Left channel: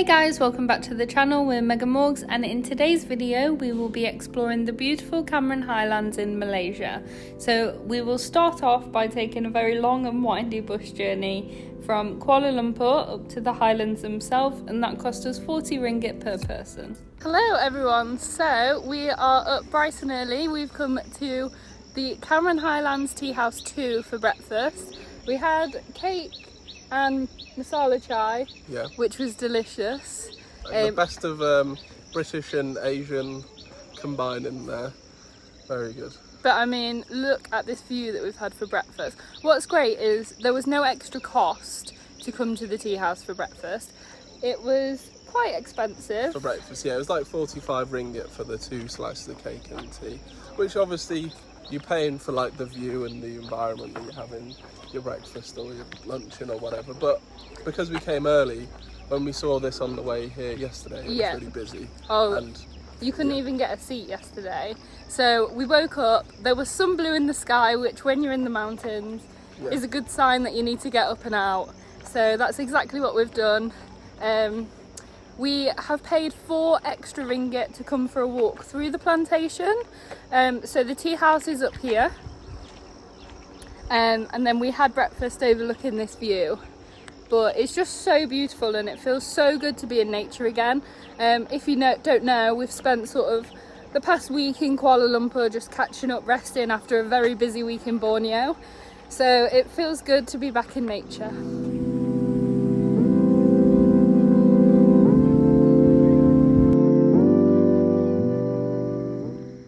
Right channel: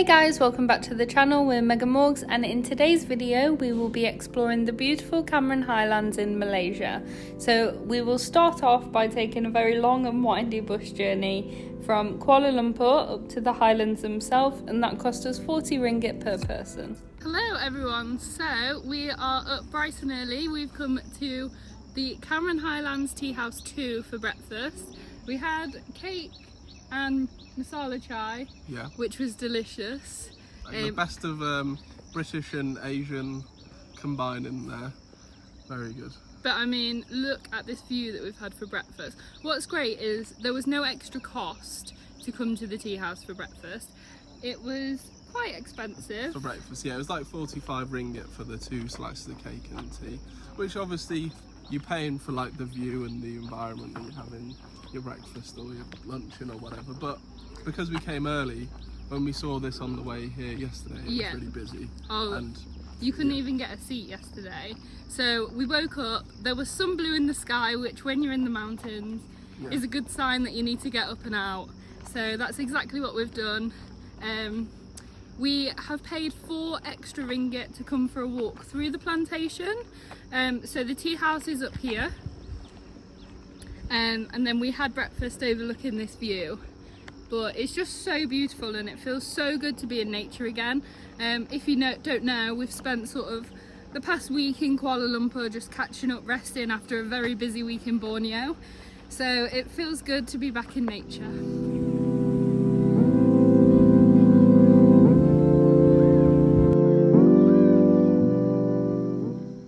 Hey guys, welcome back to the channel. We're Mega Morgs, and in today's video we will be exploring the beautiful Cameron Highlands in Malaysia. So we will start off by taking a very long and windy bus journey from Kuala Lumpur up to the Highlands themselves, and that cost us 40 ringgit per person. Hello everyone, so we are up bright and early. We've come to the Cameron Highlands Tea House 2 for breakfast. We had cake and masala chai, which was delicious. The best of British and Asian combined in there. Very good. But I mean, look at this view that we've had for breakfast. What's great is there was no extra cost to come to the tea house for breakfast. It was quite expensive. For breakfast, yeah. It was like 45 ringgit for the 2 slices of cake and tea, which obviously you're paying for like the view and the environment that you're having your breakfast or your luncheon or whatever. But because we came early, when we saw this on the way here yesterday, it was really busy. And you couldn't even get a seat yesterday. So we woke up, there was some blue in the sky, which when you're in the mountains is a good sign that you need to get up and out. So that's exactly what we've done. We have paid 4 extra ringgit to come for a walk through the plantation. So the tea house is up here. And then we had breakfast overlooking this view. But it's just so beautiful and it feels so good to be in nature again. If you don't know, we've spent sort of the past week in Kuala Lumpur just catching up, resting after a very busy week in Borneo. So it feels good to be back in nature.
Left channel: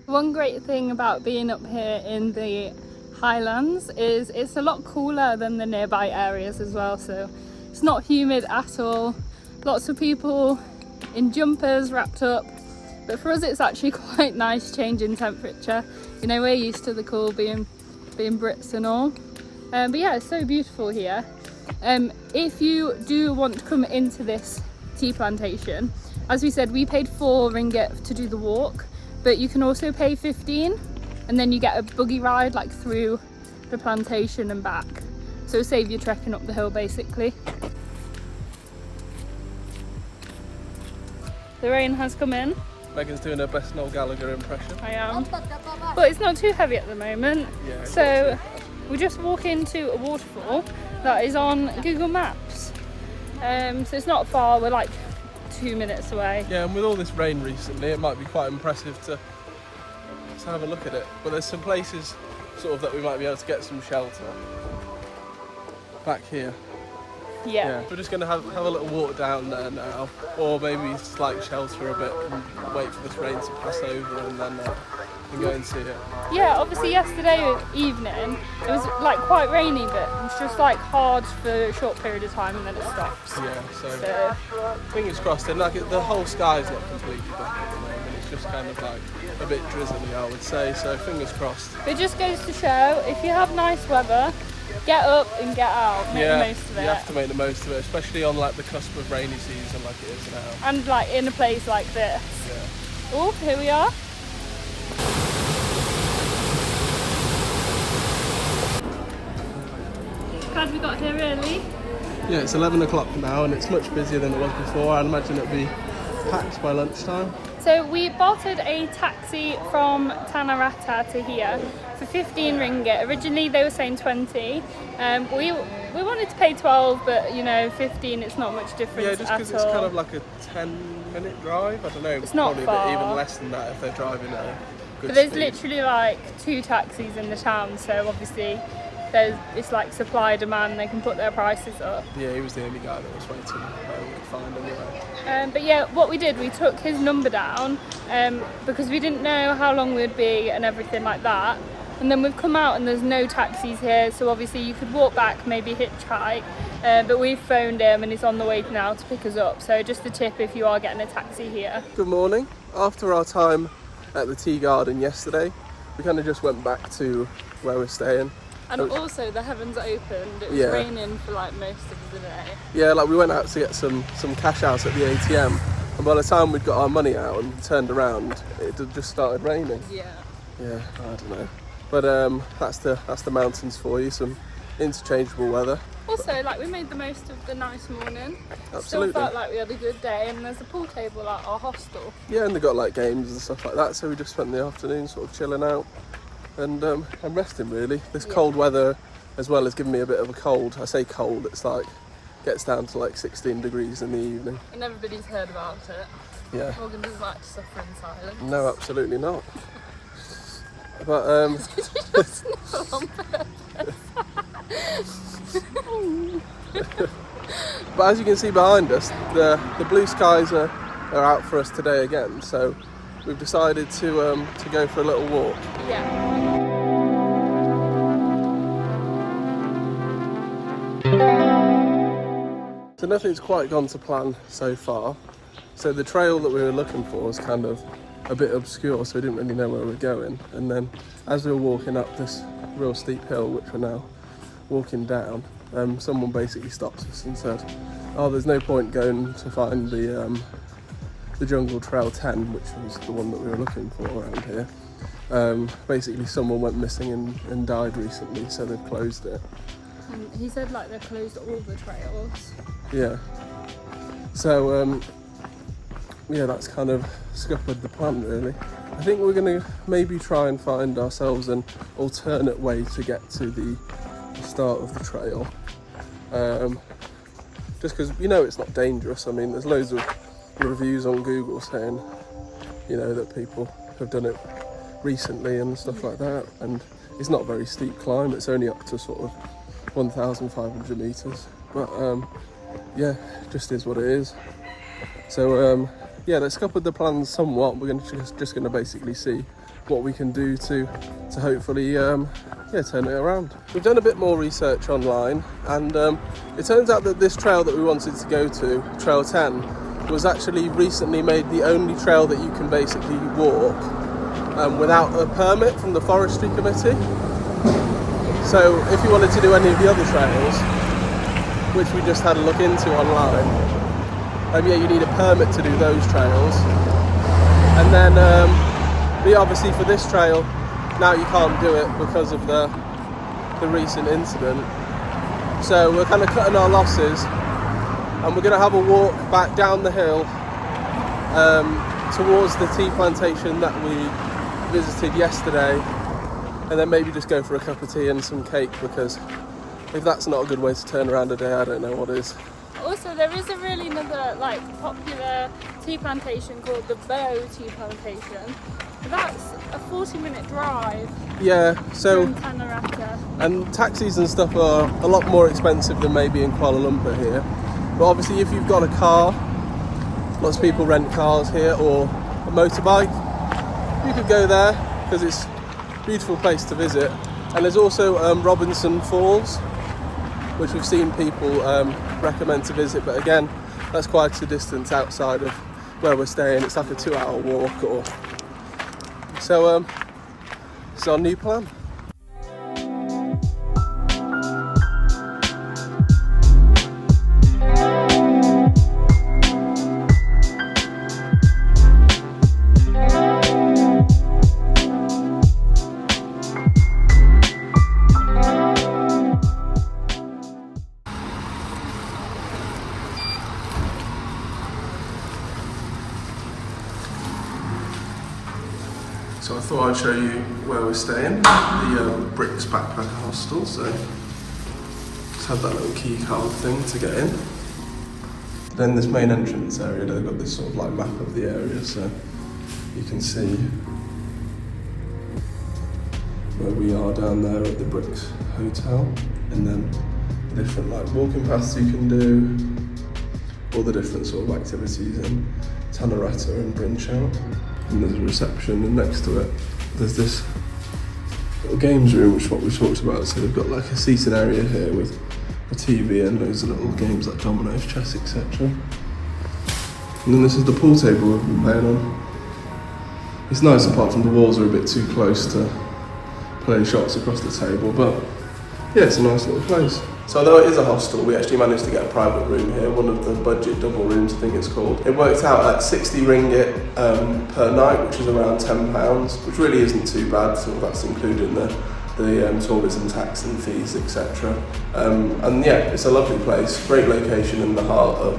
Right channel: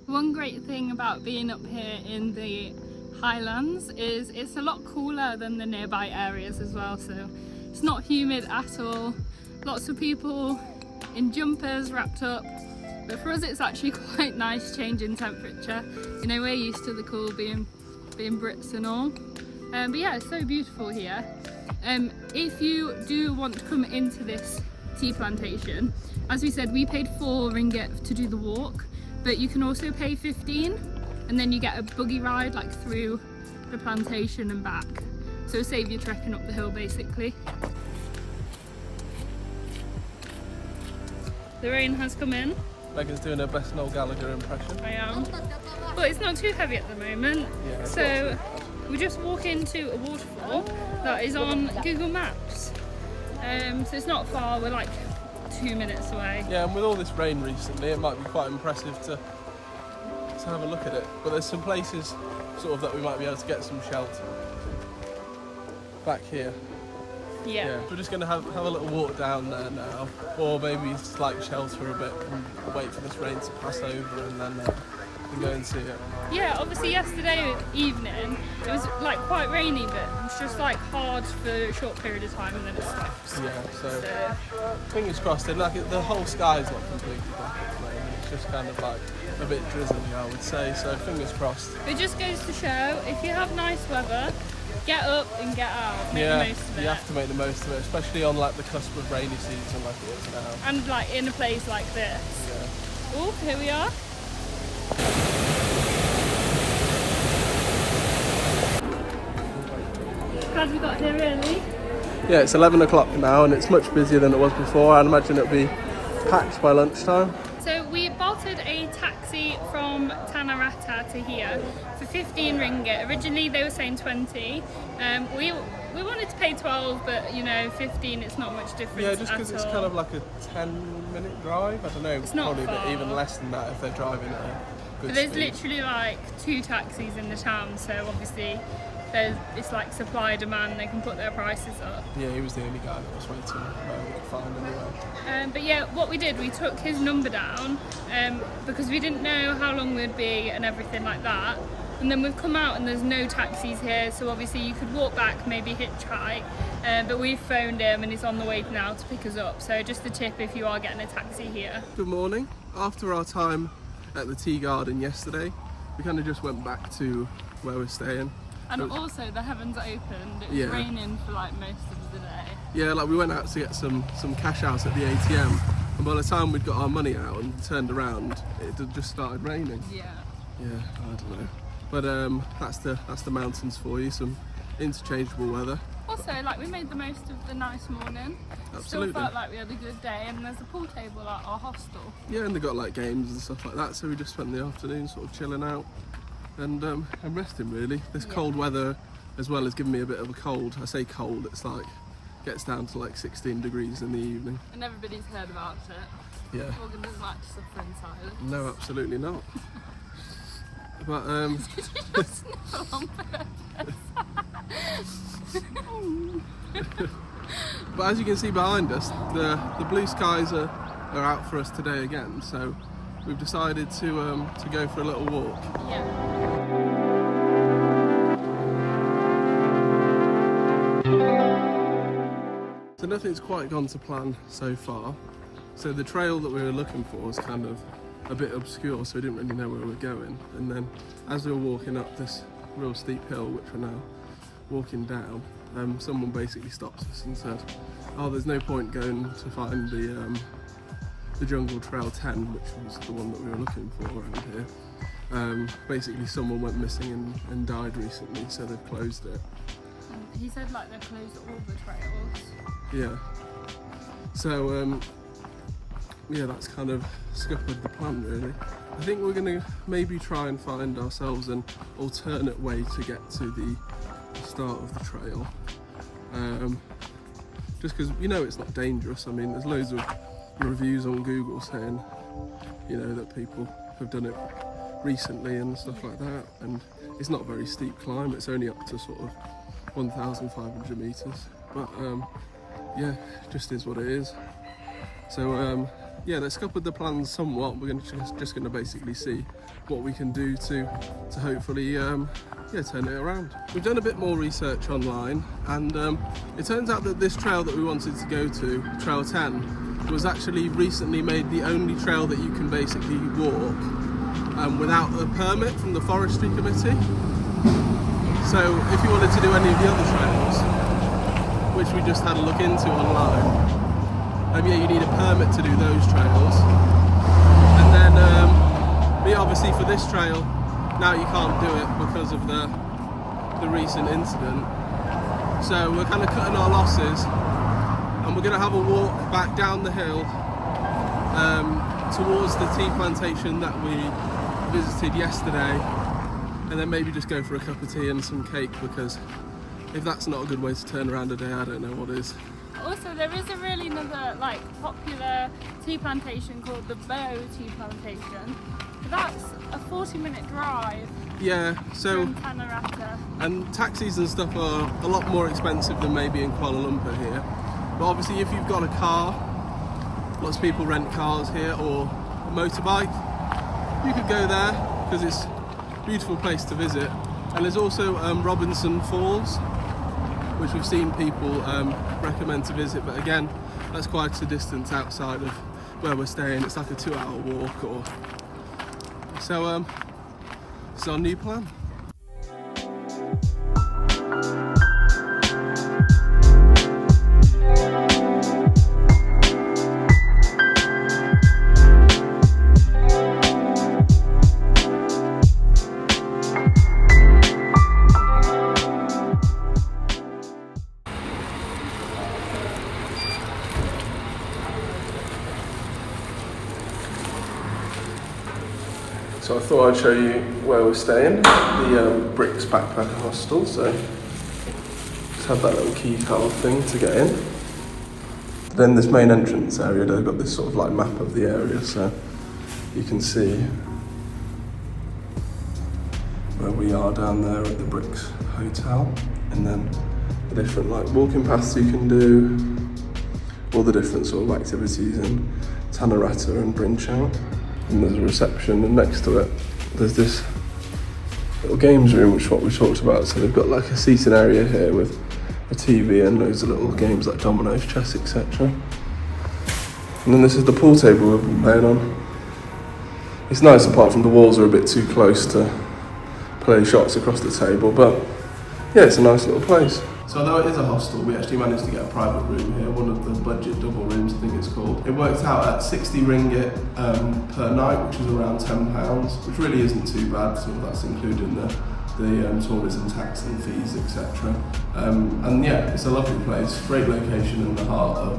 One great thing about being up here in the Highlands is it's a lot cooler than the nearby areas as well, so it's not humid at all. Lots of people in jumpers wrapped up, but for us it's actually quite nice change in temperature. You know, we're used to the cool being Brits and all, but yeah, it's so beautiful here. If you do want to come into this tea plantation, as we said, we paid 4 ringgit to do the walk, but you can also pay 15 and then you get a buggy ride like through the plantation and back. So save you trekking up the hill basically. The rain has come in. Megan's doing her best Noel Gallagher impression. I am. But it's not too heavy at the moment. Yeah, so we just walk into a waterfall that is on Google Maps. So it's not far, we're like 2 minutes away. Yeah, and with all this rain recently, it might be quite impressive to have a look at it. But there's some places sort of that we might be able to get some shelter. Back here. Yeah. We're just going to have a little walk down there now, or maybe slight shelter a bit and wait for this rain to pass over and then go and see it. Yeah, obviously yesterday evening it was like quite rainy, but it was just like hard for a short period of time and then it stops. Yeah, so fingers crossed. And like the whole sky's not completely black at the moment, it's just kind of like a bit drizzly, I would say, so fingers crossed. It just goes to show, if you have nice weather, get up and get out, make the most of it. You have to make the most of it, especially on like the cusp of rainy season like it is now. And like in a place like this. Yeah. Oh, here we are. Glad we got here early. Yeah, it's 11 o'clock now and it's much busier than it was before. I'd imagine it'll be packed by lunchtime. So we bolted a taxi from Tanarata to here for 15 ringgit. Originally they were saying 20. We wanted to pay 12, but you know, 15, it's not much difference. Yeah, just because it's kind of like a 10-minute drive. I don't know, it's not probably far. A bit even less than that if they're driving at a good But there's speed. literally like 2 taxis in the town, so obviously it's like supply demand, they can put their prices up. Yeah, he was the only guy that was waiting we could find anyway. But yeah, what we did, we took his number down because we didn't know how long we'd be and everything like that. And then we've come out and there's no taxis here, so obviously you could walk back, maybe hitchhike, but we've phoned him and he's on the way now to pick us up. So just a tip if you are getting a taxi here. Good morning. After our time at the tea garden yesterday, we kind of just went back to where we're staying. And also the heavens opened, it was raining for like most of the day. Yeah, like we went out to get some cash out at the ATM, and by the time we'd got our money out and turned around, it had just started raining. Yeah, I don't know. But that's the mountains for you, some interchangeable weather. Also, like, we made the most of the nice morning. Absolutely. Still felt like we had a good day, and there's a pool table at our hostel. Yeah, and they got like games and stuff like that, so we just spent the afternoon sort of chilling out and resting really. This cold weather as well has given me a bit of a cold. I say cold, it's like gets down to like 16 degrees in the evening. And everybody's heard about it. Yeah. Morgan doesn't like to suffer in silence. No, absolutely not. But On purpose. but as you can see behind us, the blue skies are out for us today again. So we've decided to go for a little walk. Yeah. So nothing's quite gone to plan so far. So the trail that we were looking for was kind of a bit obscure, so we didn't really know where we were going. And then as we were walking up this real steep hill, which we're now walking down, someone basically stopped us and said, oh, there's no point going to find the Jungle Trail 10, which was the one that we were looking for around here. Basically someone went missing and died recently, so they've closed it. And he said like they closed all the trails. Yeah. So yeah, that's kind of scuppered the plan really. I think we're going to maybe try and find ourselves an alternate way to get to the start of the trail. Just because, you know, it's not dangerous. I mean, there's loads of reviews on Google saying, you know, that people have done it recently and stuff like that. And it's not a very steep climb. It's only up to sort of 1,500 meters. But yeah, it just is what it is. So yeah, let's scuppered the plans somewhat. We're just going to basically see what we can do to hopefully yeah, turn it around. We've done a bit more research online, and it turns out that this trail that we wanted to go to, Trail 10, was actually recently made the only trail that you can basically walk without a permit from the Forestry Committee. So if you wanted to do any of the other trails, which we just had a look into online, yeah, you need a permit to do those trails. And then, but obviously for this trail, now you can't do it because of the recent incident. So we're kind of cutting our losses, and we're going to have a walk back down the hill towards the tea plantation that we visited yesterday, and then maybe just go for a cup of tea and some cake, because if that's not a good way to turn around a day, I don't know what is. Also, there is another like popular tea plantation called the Bow Tea Plantation. That's a 40-minute drive. Yeah, so from Tanarata. And taxis and stuff are a lot more expensive than maybe in Kuala Lumpur here. But obviously, if you've got a car, lots of people rent cars here, or a motorbike, you could go there because it's a beautiful place to visit. And there's also Robinson Falls, which we've seen people recommend to visit, but again, that's quite a distance outside of where we're staying. It's like a 2-hour walk, or so. It's our new plan. So I thought I'd show you where we're staying, the Bricks Backpacker Hostel. So just have that little key card thing to get in. Then this main entrance area, they've got this sort of like map of the area, so you can see where we are down there at the Bricks Hotel, and then the different like walking paths you can do, all the different sort of activities in Tanarata and Brinchow. And there's a reception, and next to it there's this little games room, which is what we talked about. So they've got like a seating area here with a TV and loads of little games like dominoes, chess, etc. And then this is the pool table we've been playing on. It's nice apart from the walls are a bit too close to play shots across the table, but yeah, it's a nice little place. So although it is a hostel, we actually managed to get a private room here, one of the budget double rooms I think it's called. It worked out at 60 ringgit per night, which is around £10, which really isn't too bad, so that's including the the tourism tax and fees, etc. And yeah, it's a lovely place, great location in the heart of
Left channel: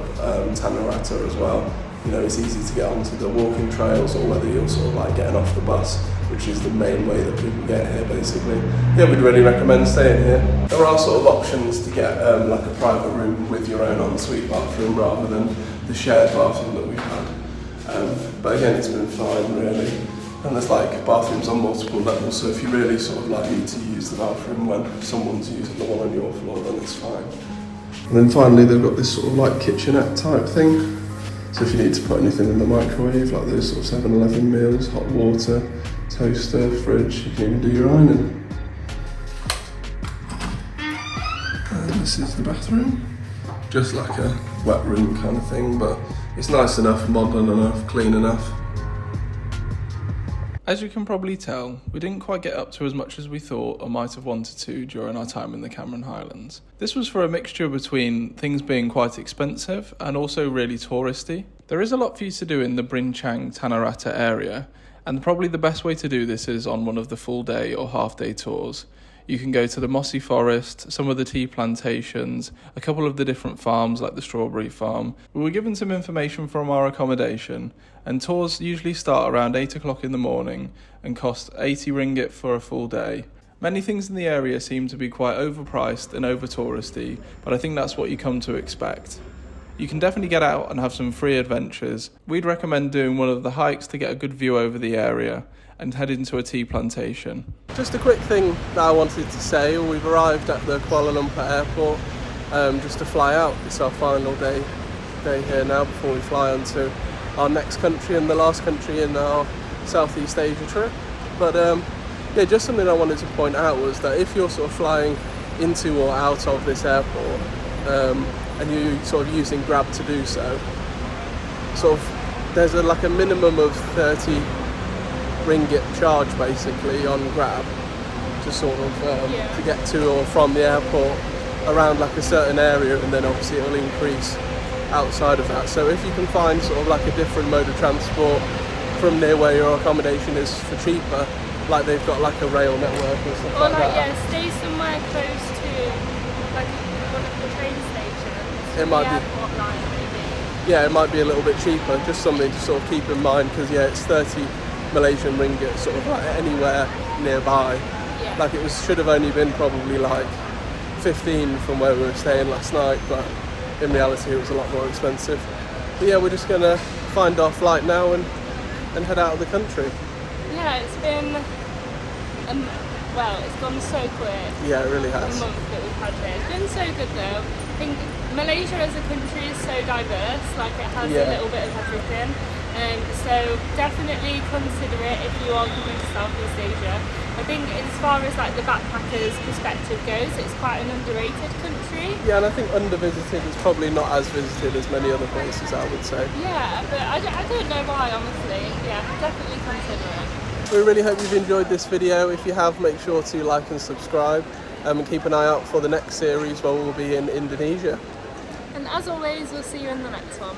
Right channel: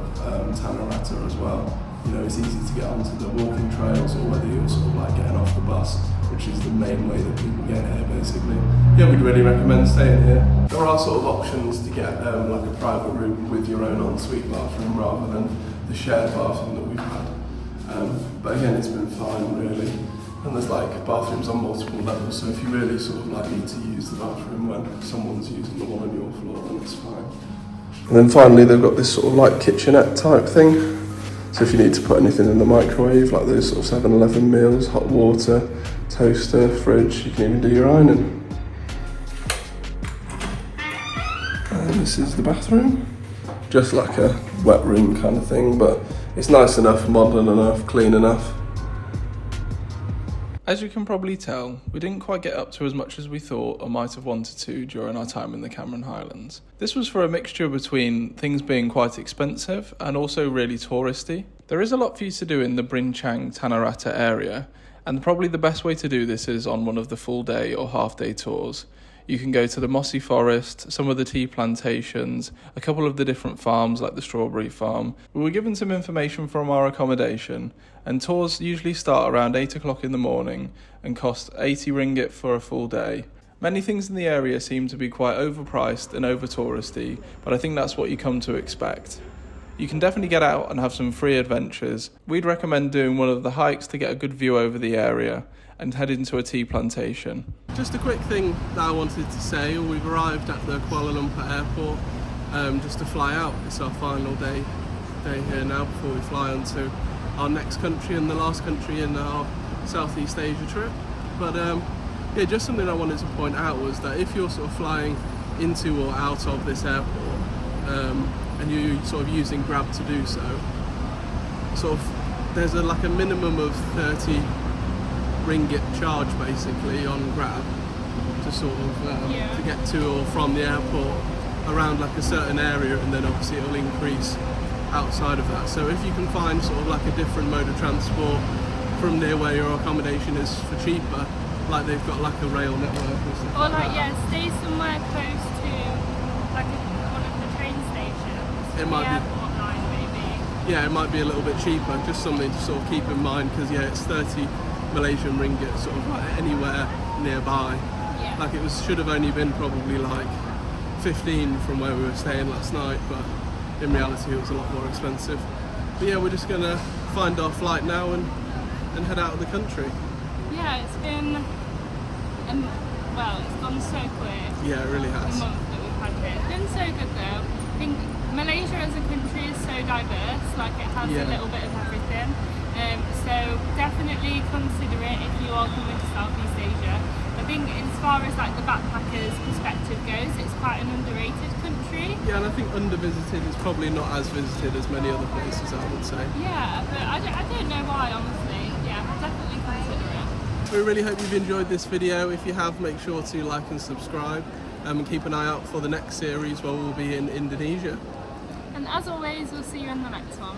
Tanarata as well. You know, it's easy to get onto the walking trails, or whether you're sort of like getting off the bus, which is the main way that people get here basically. Yeah, we'd really recommend staying here. There are sort of options to get like a private room with your own ensuite bathroom rather than the shared bathroom that we've had. But again, it's been fine really. And there's like bathrooms on multiple levels, so if you really sort of like need to use the bathroom when someone's using the one on your floor, then it's fine. And then finally they've got this sort of like kitchenette type thing. So if you need to put anything in the microwave, like those sort of 7-Eleven meals, hot water, toaster, fridge, you can even do your ironing. And this is the bathroom. Just like a wet room kind of thing, but it's nice enough, modern enough, clean enough. As you can probably tell, we didn't quite get up to as much as we thought or might have wanted to during our time in the Cameron Highlands. This was for a mixture between things being quite expensive and also really touristy. There is a lot for you to do in the Brinchang Tanarata area, and probably the best way to do this is on one of the full day or half day tours. You can go to the mossy forest, some of the tea plantations, a couple of the different farms like the strawberry farm. We were given some information from our accommodation, and tours usually start around 8 o'clock in the morning and cost 80 ringgit for a full day. Many things in the area seem to be quite overpriced and over touristy, but I think that's what you come to expect. You can definitely get out and have some free adventures. We'd recommend doing one of the hikes to get a good view over the area and head into a tea plantation. Just a quick thing that I wanted to say, we've arrived at the Kuala Lumpur airport just to fly out. It's our final day here now before we fly on to our next country and the last country in our Southeast Asia trip. But yeah, just something I wanted to point out was that if you're sort of flying into or out of this airport and you're sort of using Grab to do so, sort of there's like a minimum of 30 ringgit charge basically on Grab to sort of to get to or from the airport around like a certain area, and then obviously it'll increase outside of that. So if you can find sort of like a different mode of transport from near where your accommodation is for cheaper, like they've got like a rail network or stuff like that. Or yeah, stay somewhere close to like one of the train stations. It might be airport line maybe. Yeah, it might be a little bit cheaper, just something to sort of keep in mind, because yeah, it's 30 Malaysian ringgit sort of like anywhere nearby. Yeah. Like it should have only been probably like 15 from where we were staying last night, but in reality it was a lot more expensive. But yeah, we're just gonna find our flight now and head out of the country. Yeah, it's been well, it's gone so quick. Yeah, it really has. The month that we've had here. It's been so good though. I think Malaysia as a country is so diverse, like it has a little bit of everything. So definitely consider it if you are coming to Southeast Asia. I think as far as like the backpackers perspective goes, it's quite an underrated country. Yeah, and I think undervisited is probably not as visited as many other places, I would say. Yeah, but I don't know why, honestly. Yeah, definitely consider it. We really hope you've enjoyed this video. If you have, make sure to like and subscribe, and keep an eye out for the next series where we'll be in Indonesia. And as always, we'll see you in the next one.